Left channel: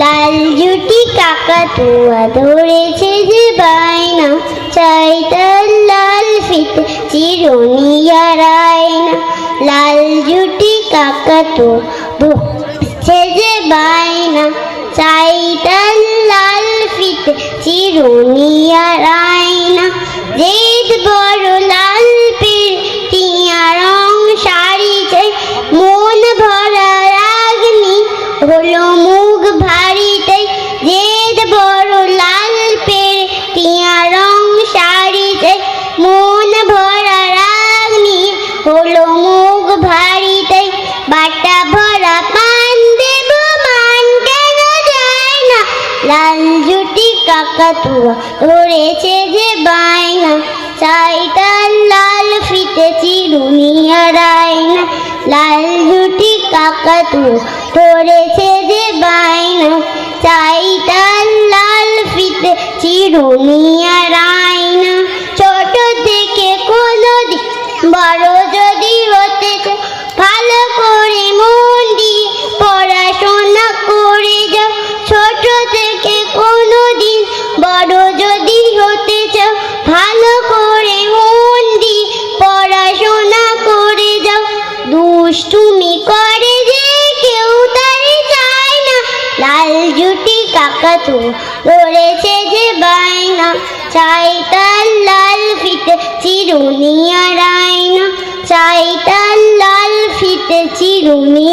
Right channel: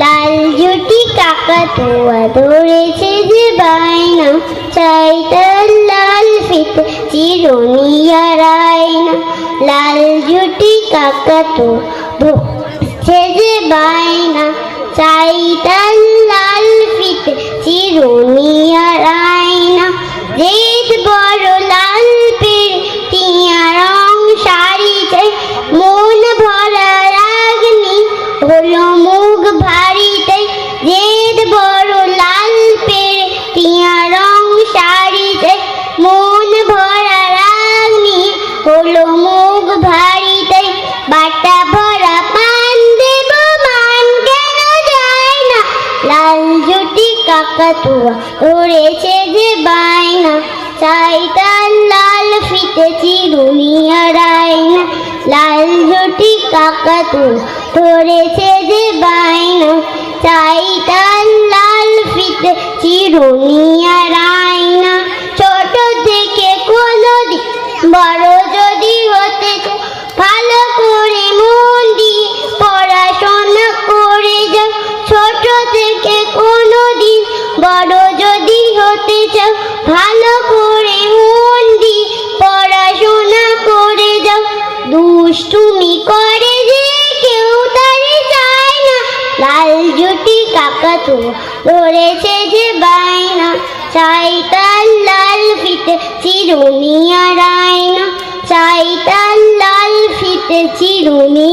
লাল জুটি কাকাতুয়া ধরেছে যে বায়না, চাই তার লাল ফিতে চিরুনি আর আয়না। লাল জুটি কাকাতুয়া ধরেছে যে বায়না, চাই তার লাল ফিতে চিরুনি আর আয়না। জেদ বড় লাল পেড়ে টিয়া রং শাড়ি চাই, মন ভরা রাগনি হলো মুখ ভারী তাই। জেদ বড় লাল পেড়ে টিয়া রং শাড়ি চাই, মন ভরা রাগনি হলো মুখ ভারী তাই। বাটা ভরা পান দেব মান কেন যায় না, লাল জুটি কাকাতুয়া ধরেছে যে বায়না, চাই তার লাল ফিতে চিরুনি আর আয়না। লাল জুটি কাকাতুয়া ধরেছে যে বায়না, চাই তার লাল ফিতে চিরুনি আর আয়না। ছোট থেকে কোনোদিন বড় যদি হতে চাও, ভালো করে মন দিয়ে পড়াশোনা করে যাও। ছোট থেকে কোনোদিন বড় যদি হতে চাও, ভালো করে মন দিয়ে পড়াশোনা করে যাও। দুষ্টুমি করে যে কেউ তারে চায় না, লাল জুটি কাকাতুয়া ধরেছে যে বায়না, চাই তার লাল ফিতে চিরুনি আর আয়না। চাই তার লাল ফিতে চিরুনি